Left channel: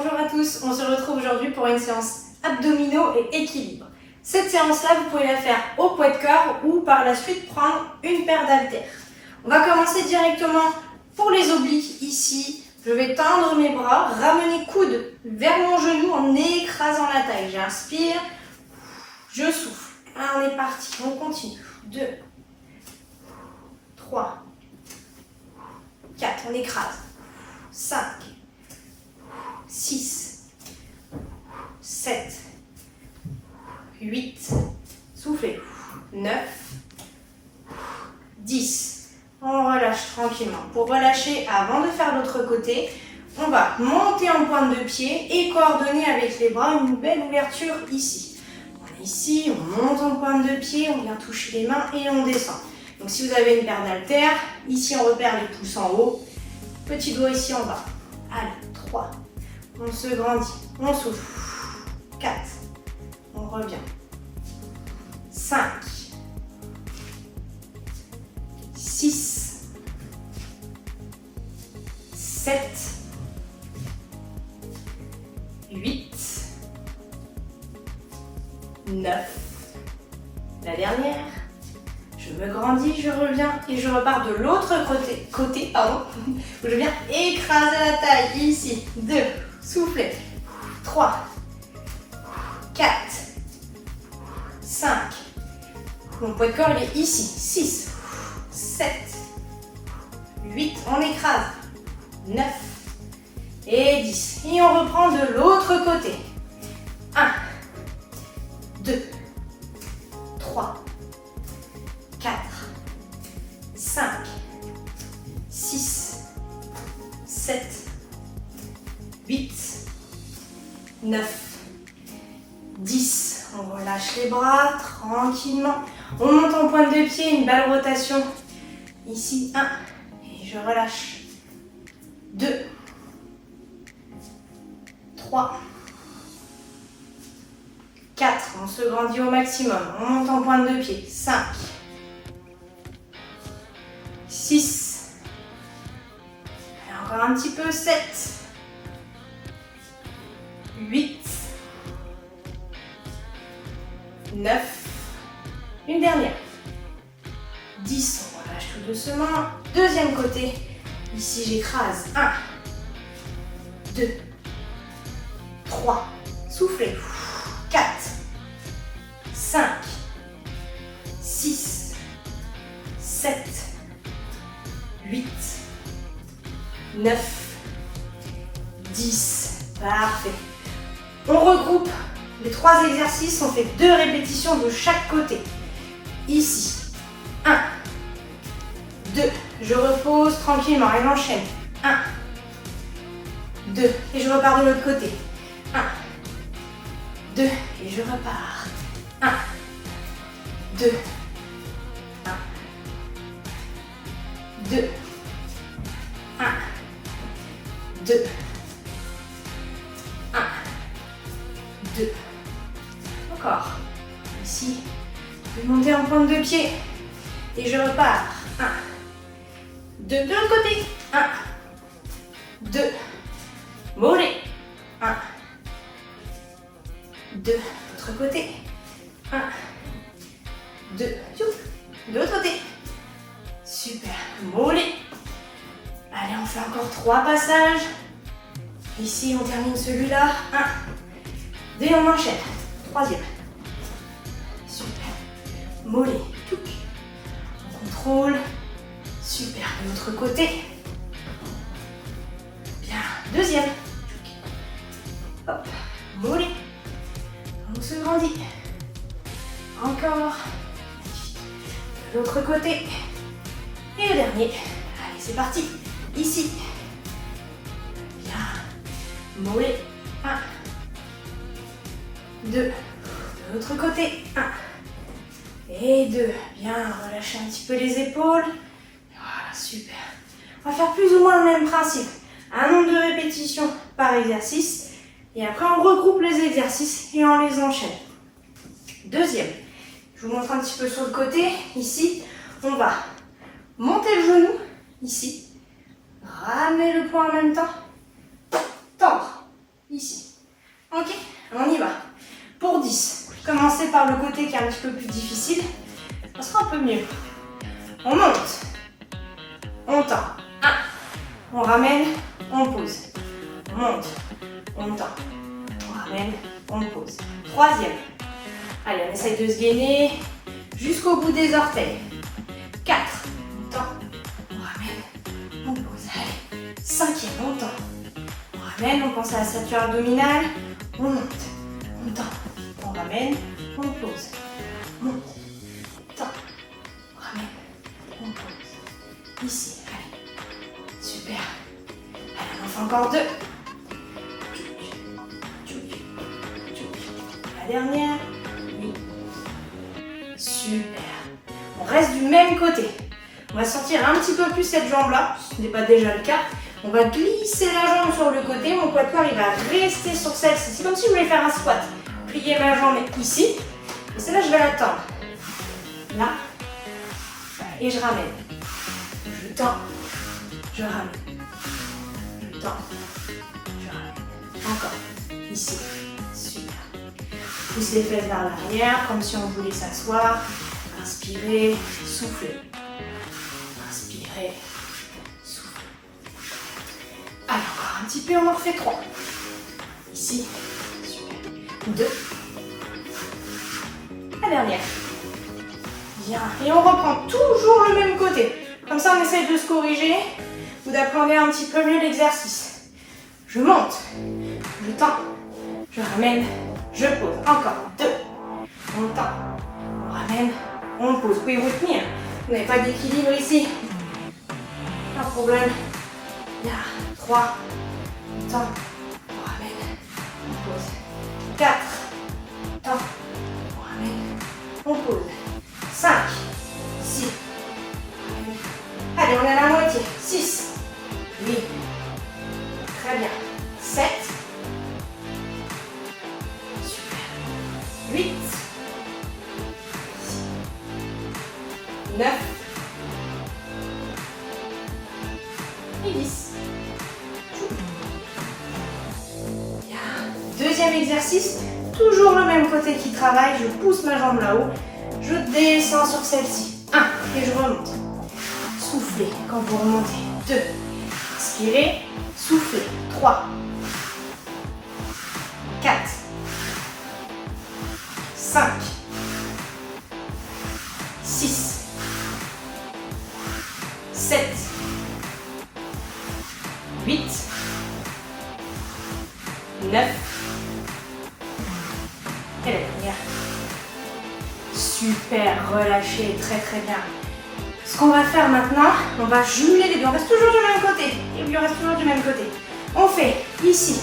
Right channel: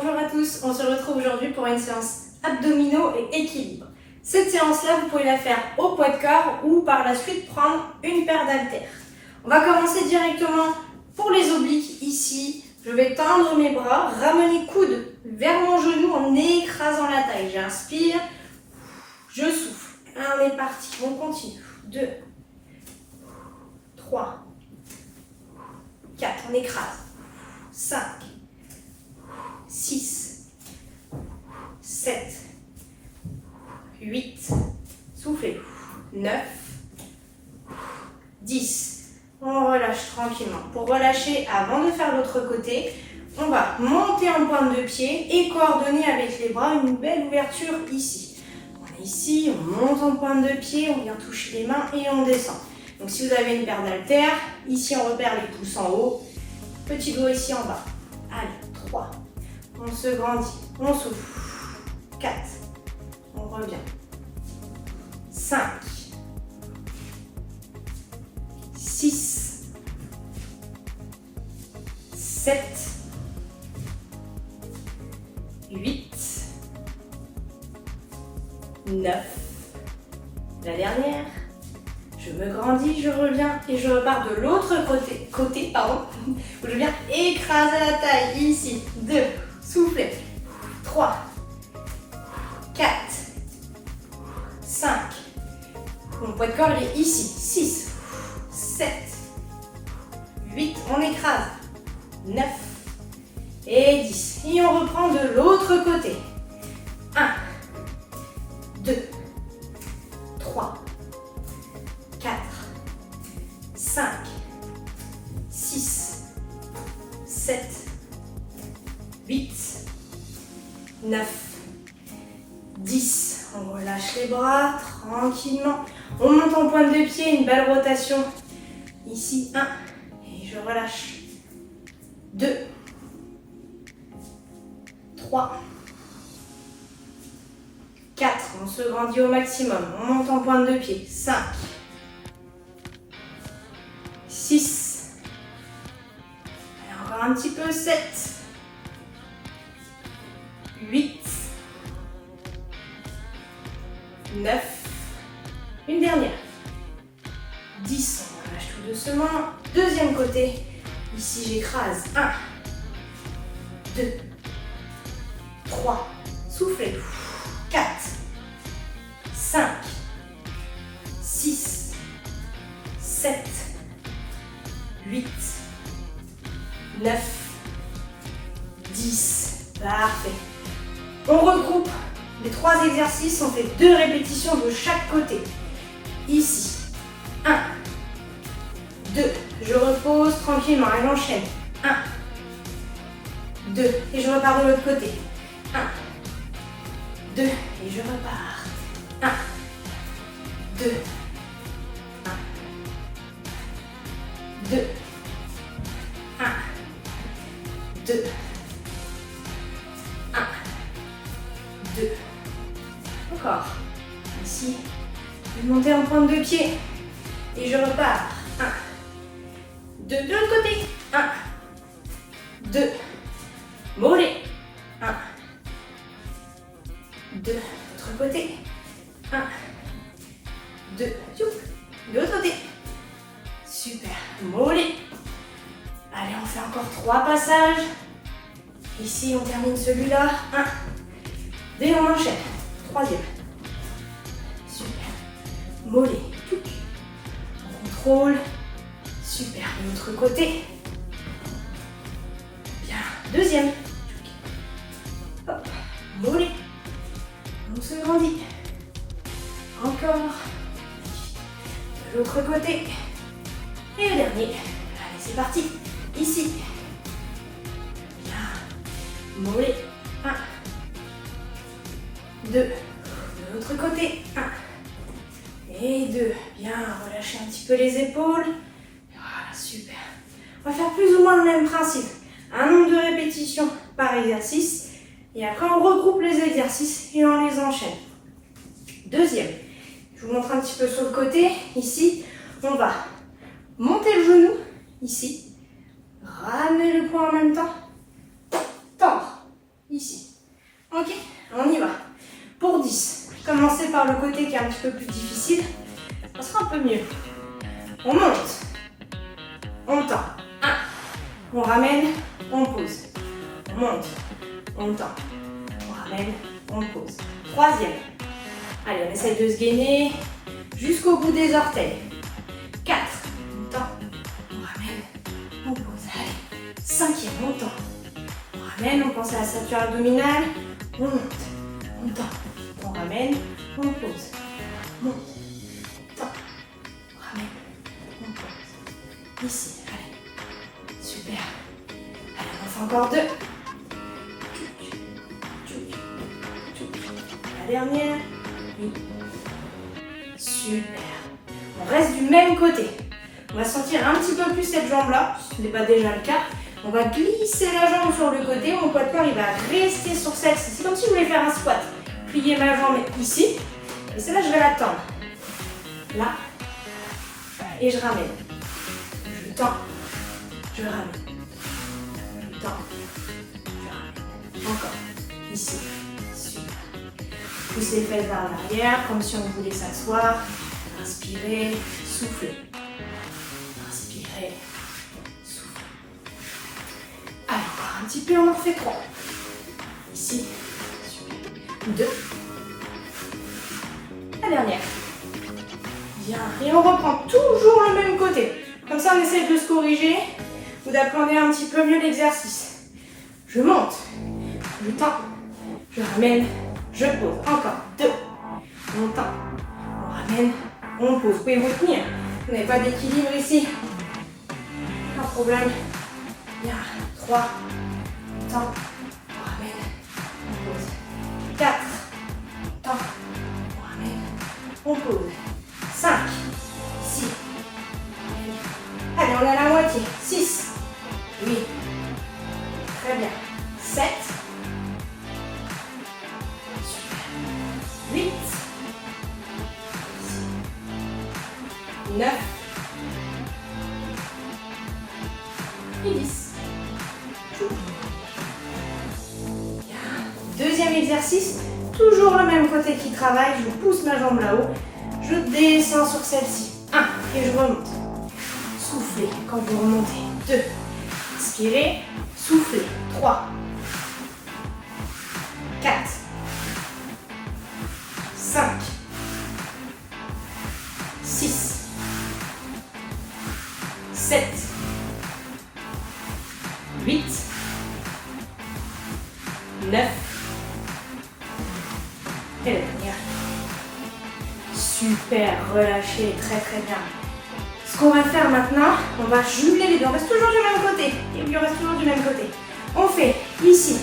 Bonjour à tous, on se retrouve aujourd'hui pour une séance abdominaux et équilibre. Cette séance-là, vous pouvez la faire au poids de corps ou par la suite prendre une paire d'haltères. On va commencer directement pour les obliques ici. Je vais tendre mes bras, ramener coude vers mon genou en écrasant la taille. J'inspire, je souffle. On est parti, on continue. 2, 3, 4, on écrase. 5, 6, 7, 8, soufflez, 9, 10. On relâche tranquillement. Pour relâcher, avant de faire l'autre côté, on va monter en pointe de pied et coordonner avec les bras une belle ouverture ici. On est ici, on monte en pointe de pied, on vient toucher les mains et on descend. Donc si vous avez une paire d'haltères, ici on repère les pouces en haut, petit doigt ici en bas. Allez, 3, on se grandit, on souffle, 4, on revient, 5, 6, 7, 8, 9, la dernière, je me grandis, je reviens et je repars de l'autre côté, où je viens écraser la taille, ici, 2, soufflez, 3, 4, 5, mon poids de corps il est ici, 6, 7, 8, on écrase, 9 et 10. Et on reprend de l'autre côté. 1, 2, 3, 4, 5, 6, 7, 8, 9, 10. On relâche les bras tranquillement. On monte en pointe de pied, une belle rotation. Ici, 1. Et je relâche. 2. 3. 4. On se grandit au maximum. On monte en pointe de pied. 5. 6. Et encore un petit peu. 7. 8. 9. Une dernière. 10. On relâche tout doucement. Deuxième côté. Ici, j'écrase. 1. 2. 3. Soufflez. 4. 5. 6. 7. 8. 9. 10. Parfait. On regroupe les 3 exercices. On fait 2 répétitions de chaque côté. Ici. 1. 2. Je repose tranquillement et j'enchaîne. 1. 2. Et je repars de l'autre côté. 1. 2. Et je repars. 1. 2. 1. 2. 1. 2. 1. 2. Encore. Ici. Je vais monter en pointe de pied. Et je repars. 1. 2. De l'autre côté. 1. 2. Mollet. 1. 2. L'autre côté. 1. 2. De l'autre côté. Super. Mollet. Allez, on fait encore 3 passages. Ici, on termine celui-là. 1. 2, on enchaîne. 3e. Super. Mollet. On contrôle. Super. De l'autre côté. Bien. 2e. Hop. Mollet. On se grandit. Encore. De l'autre côté. Et le dernier. Allez, c'est parti. Ici. Bien. Mollet. 1. 2. De l'autre côté. 1. Et 2. Bien. Relâchez un petit peu les épaules. Voilà, super. On va faire plus ou moins le même principe. Un nombre de répétitions par exercice. Et après, on regroupe les exercices et on les enchaîne. Deuxième. Je vous montre un petit peu sur le côté. Ici, on va monter le genou. Ici. Ramener le poing en même temps. Tendre. ici. Ok, on y va. Pour 10, commencez par le côté qui est un petit peu plus difficile. Ça sera un peu mieux. On monte. On tend. 1. On ramène, on pose. On monte. On tend. On ramène, on pose. 3e. Allez, on essaye de se gainer jusqu'au bout des orteils. 4. On tend. On ramène, on pose. Allez. 5e, on tend. On ramène, on pense à la ceinture abdominale. On monte. On tend. On ramène, on pose. On monte. Tend. On ramène, on pose. Ici. Allez. Super. Allez, on en fait encore 2. La dernière. Oui. Super. On reste du même côté. On va sortir un petit peu plus cette jambe-là, ce n'est pas déjà le cas. On va glisser la jambe sur le côté. Mon poids de corps, il va rester sur celle-ci. C'est comme si je voulais faire un squat. Plier ma jambe ici. Et celle-là, je vais la tendre. Là. Et je ramène. Je tends. Je ramène. Je tends. Je ramène. Encore. Ici. Super. Pousse les fesses vers l'arrière, comme si on voulait s'asseoir. Inspirez. Soufflez. Inspirez. Soufflez. Allez, encore un petit peu. On en refait 3. Ici. Super. 2. La dernière. Bien. Et on reprend toujours le même côté. Comme ça, on essaye de se corriger ou d'apprendre un petit peu mieux l'exercice. Je monte. Je tends. Je ramène. Je pose. Encore. 2. On tend. On ramène. On pose. Vous pouvez vous tenir. Vous n'avez pas d'équilibre ici. Pas de problème. Bien. 3. On tend. On ramène. On pose. 4. Tend. On ramène. On pose. 5. 6. Allez, on est à la moitié. 6. 8. Très bien. 7. Super. 8. 9. Et 10. Bien. Deuxième exercice. Toujours le même côté qui travaille. Je pousse ma jambe là-haut. Je descends sur celle-ci. 1. Et je remonte. Soufflez quand vous remontez. 2. Inspirez. Soufflez. 3. 4. 5. 6. 7. 8. 9. Et la dernière. Super, relâchez, très très bien. Ce qu'on va faire maintenant, on va jumeler les deux. On reste toujours du même côté. Et puis on reste toujours du même côté. On fait ici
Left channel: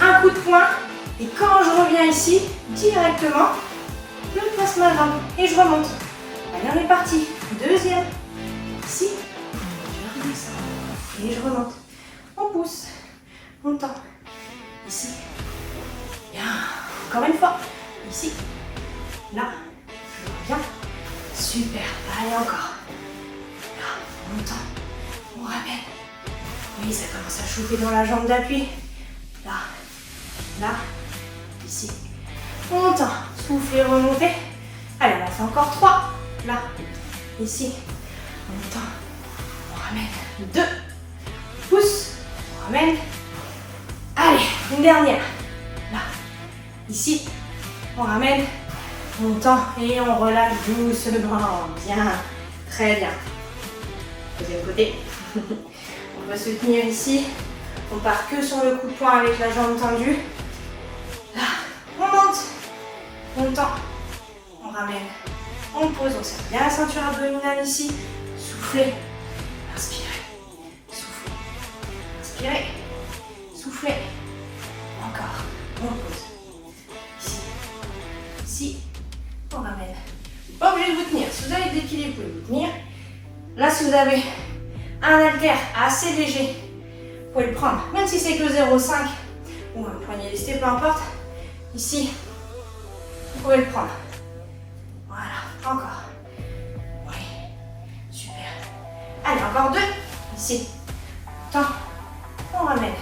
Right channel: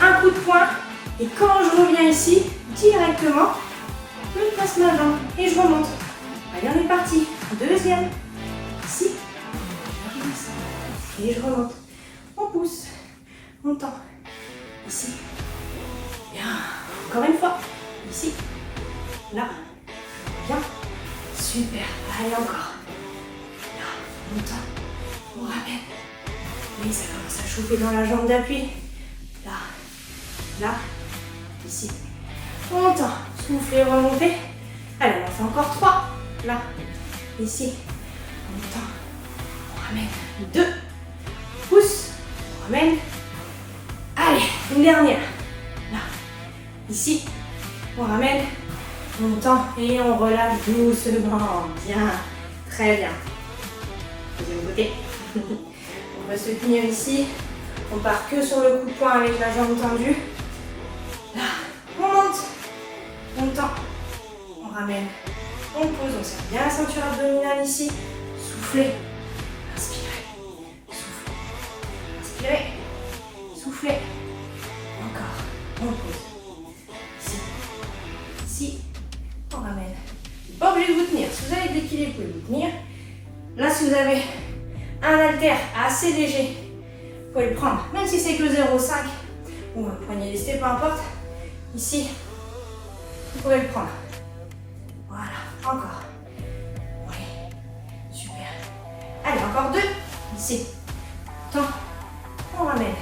un coup de poing. Et quand je reviens ici, directement, je place ma jambe et je remonte. Allez, on est parti. Deuxième. Ici. Je redescends. Et je remonte. On pousse. On tend. Ici. Bien. Encore une fois. Ici. Là. Bien. Super. Allez, encore. Là, on tend. On ramène. Oui, ça commence à chauffer dans la jambe d'appui. Là. Là. Ici. On tend. Soufflez, remontez. Allez, on en fait encore 3. Là. Ici. On tend. On ramène. 2. Pousse. On ramène. Allez, une dernière. Là. Ici. On ramène. On tend et on relâche doucement. Bien. Très bien. Deuxième côté. On va se tenir ici. On part que sur le coup de poing avec la jambe tendue. Là. On monte. On tend. On ramène. On pose. On serre bien la ceinture abdominale ici. Soufflez. Inspirez. Soufflez. Inspirez. Soufflez. Encore. On pose. Ici. Ici. On ramène. Pas obligé de vous tenir. Si vous avez de l'équilibre, vous pouvez vous tenir. Là, si vous avez un haltère assez léger, vous pouvez le prendre. Même si c'est que 0,5 ou un poignet lesté, peu importe. Ici, vous pouvez le prendre. Voilà. Encore. Oui. Super. Allez, encore 2. Ici. Tend. On ramène.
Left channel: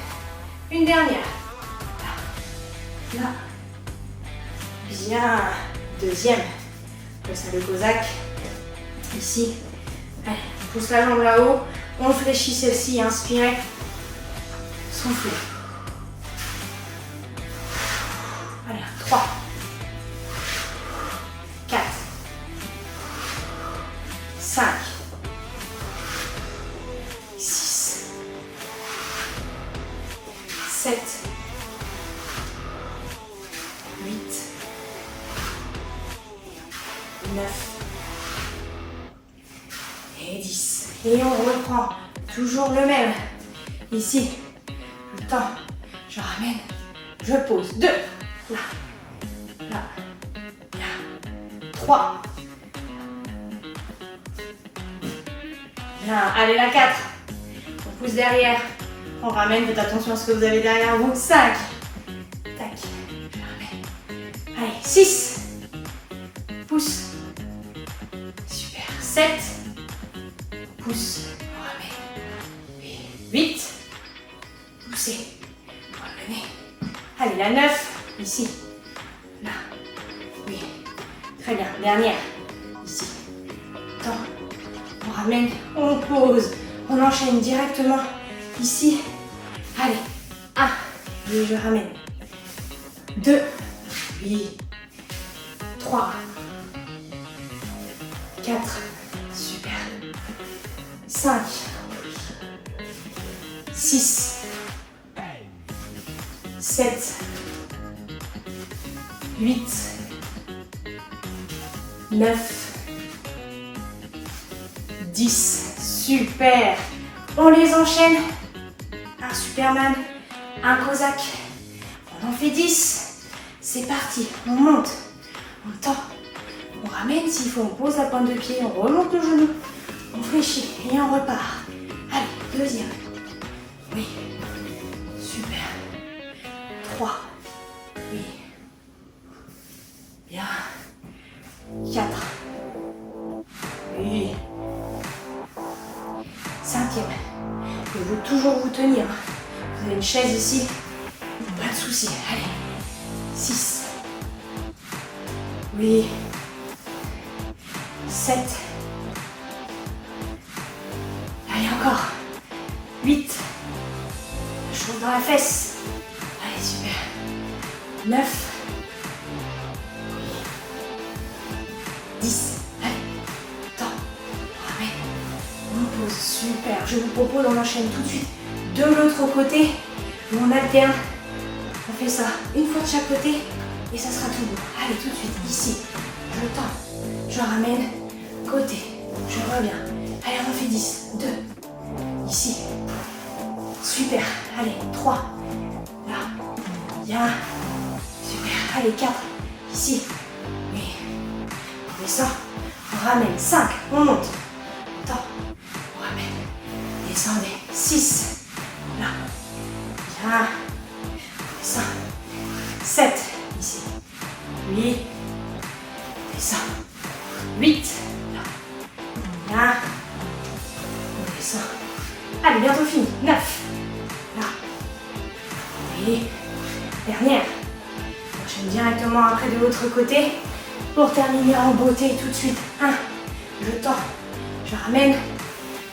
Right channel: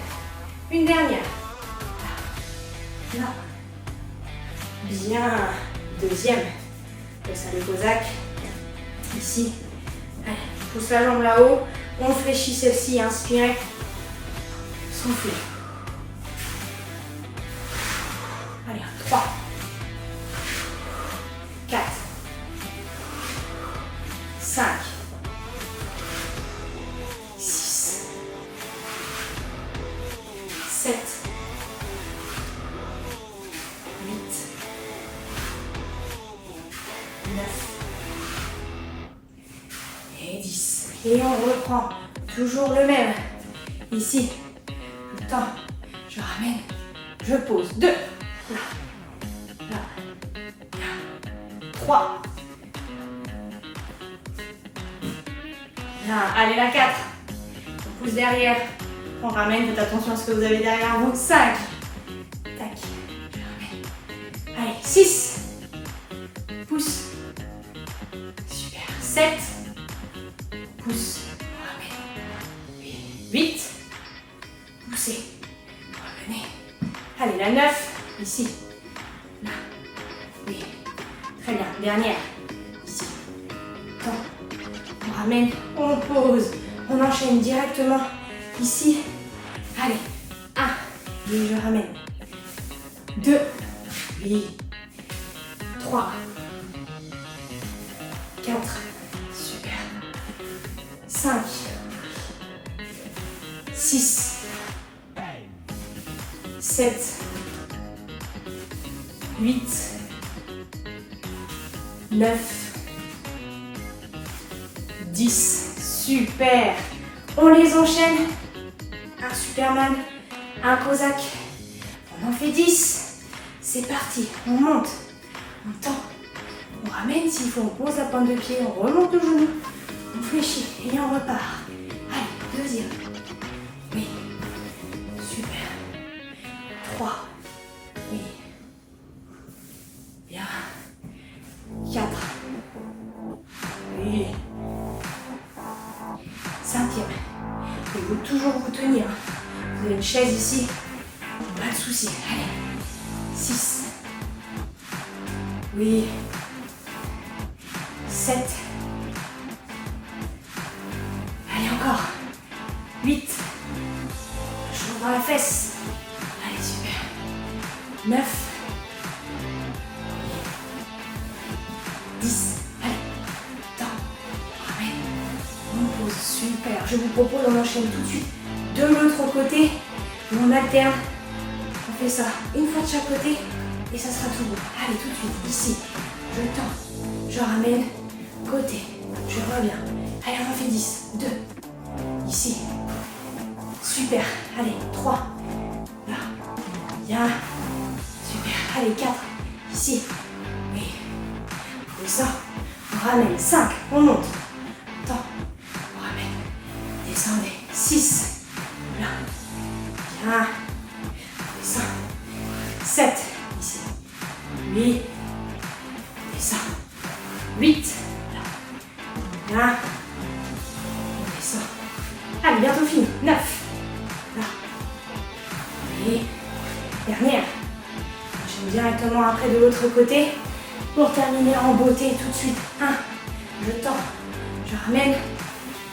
Une dernière. Là. Là. Bien. Deuxième. Comme ça, le Cosaque. Ici. Allez, on pousse la jambe là-haut. On fléchit celle-ci. Inspirez. Soufflez. Allez, 3. 4. 5. 6. 7. 8. 9. Et 10. Et on reprend. Toujours le même. Ici. Le temps. Je ramène. Je pose. 2. Là. Là. 3. Bien. Allez, la 4. On pousse derrière. On ramène. Faites attention à ce que vous avez derrière vous. 5. Tac. Allez, 6. Pousse. Super. 7. Pousse. Ramène. 8. Poussez. Revenez. Allez, la 9. Ici. Là. Oui. Très bien. Dernière. Ici. Temps. On ramène. On pose. On enchaîne directement. Ici. Allez. 1. Oui, je ramène. 2. Oui. 3. 4. Super. 5. 6. 7. 8. 9. 10. Super. On les enchaîne. Un Superman. Un Cosaque. On en fait 10. C'est parti. On monte. On tend. On ramène s'il faut. On pose la pointe de pied. On remonte le genou. On fléchit. Et on repart. Allez, deuxième. Oui. Super. 3. Oui. Bien. 4. Oui. 5e. Il faut toujours vous tenir. Vous avez une chaise ici. Pas de souci. Allez. 6. Oui. 7. Allez, encore. 8. Je monte dans la fesse. Allez, super. 9. 10. Allez. Temps. Ramène. On pose. Super. Je vous propose, on enchaîne tout de suite de l'autre côté. On alterne. On fait ça une fois de chaque côté. Et ça sera tout bon. Allez, tout de suite. Ici. Je tends. Je ramène. Côté. Je reviens. Allez, on en fait 10. 2. Ici. Super. Allez, 3. Là. Bien. Super. Allez, 4. Ici. Oui. On descend. On ramène. 5. On monte. Attends. On ramène. Descendez. 6. Là. Bien. On descend. 7. Ici. 8. On descend. 8. Là. Bien. On descend. Allez, bientôt fini. 9. Là. Et dernière. J'enchaîne directement après de l'autre côté pour terminer en beauté tout de suite. 1. Je tends. Je ramène.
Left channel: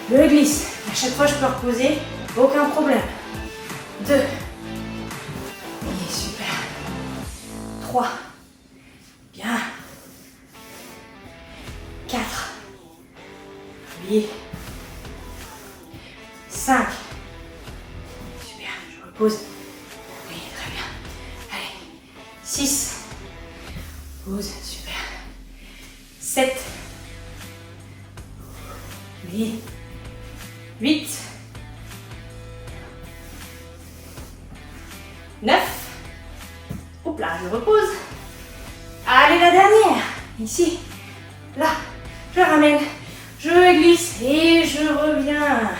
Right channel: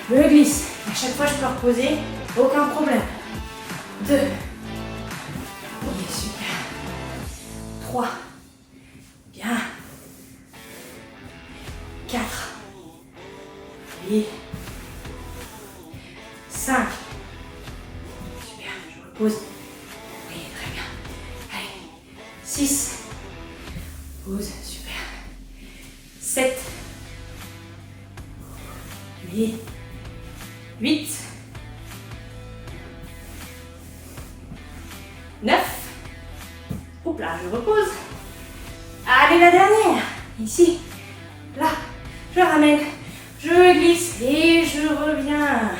Je glisse. À chaque fois, je peux reposer. Aucun problème. 2. Et super. 3. Bien. 4. Oui. 5. Super, je repose. Oui, très bien. Allez. 6. Pause, super. 7. Oui. 8. 9. Oups là, je repose. Allez, la dernière. Ici. Là. Je ramène. Je glisse et je reviens.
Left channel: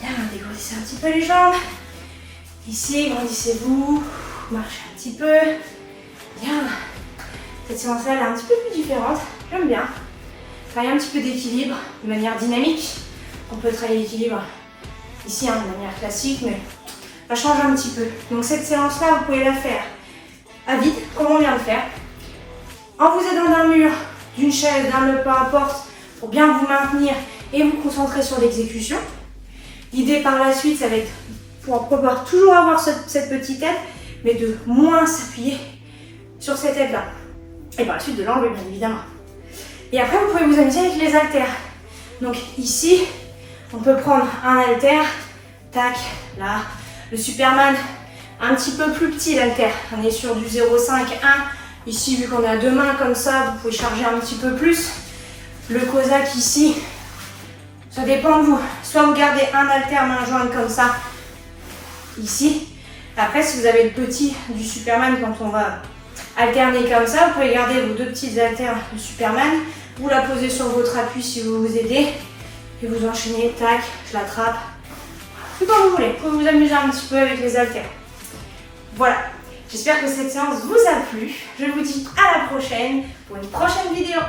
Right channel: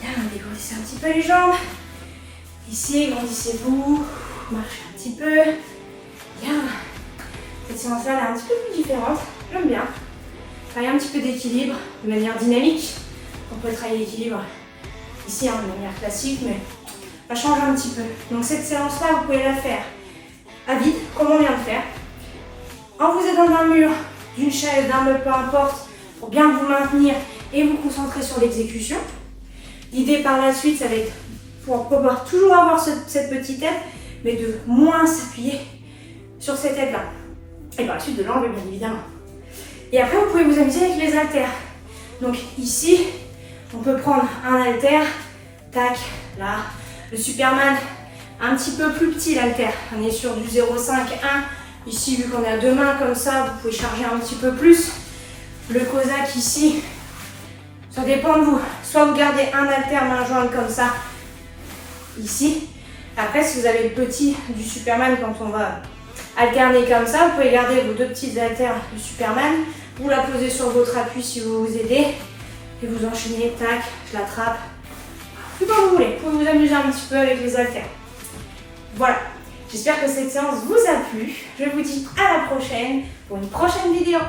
Bien, dégrossissez un petit peu les jambes. Ici, grandissez-vous. Marchez un petit peu. Bien. Cette séance-là, elle est un petit peu plus différente. J'aime bien. Travailler un petit peu d'équilibre de manière dynamique. On peut travailler l'équilibre ici, de manière classique, mais ça change un petit peu. Donc cette séance-là, vous pouvez la faire à vide, comme on vient de faire, en vous aidant d'un mur, d'une chaise, d'un meuble, peu importe, pour bien vous maintenir et vous concentrer sur l'exécution. L'idée par la suite, ça va être pour pouvoir toujours avoir cette petite aide, mais de moins s'appuyer sur cette aide-là. Et par la suite, de l'enlever, bien évidemment. Et après, vous pouvez vous amuser avec les haltères. Donc ici, on peut prendre un haltère, tac, là. Le Superman, un petit peu plus petit l'haltère. On est sur du 0,5, 1. Ici, vu qu'on a deux mains comme ça, vous pouvez charger un petit peu plus. Le Cossack ici, ça dépend de vous. Soit vous gardez un haltère main jointe comme ça, ici. Après, si vous avez le petit du Superman, quand on va alterner comme ça, vous pouvez garder vos deux petites haltères du Superman. Vous la posez sur votre appui si vous vous aidez. Et vous enchaînez, tac, je l'attrape. Tout comme vous voulez, pour vous amuser un petit peu avec les haltères. Voilà. J'espère que cette séance vous a plu. Je vous dis à la prochaine pour une prochaine vidéo.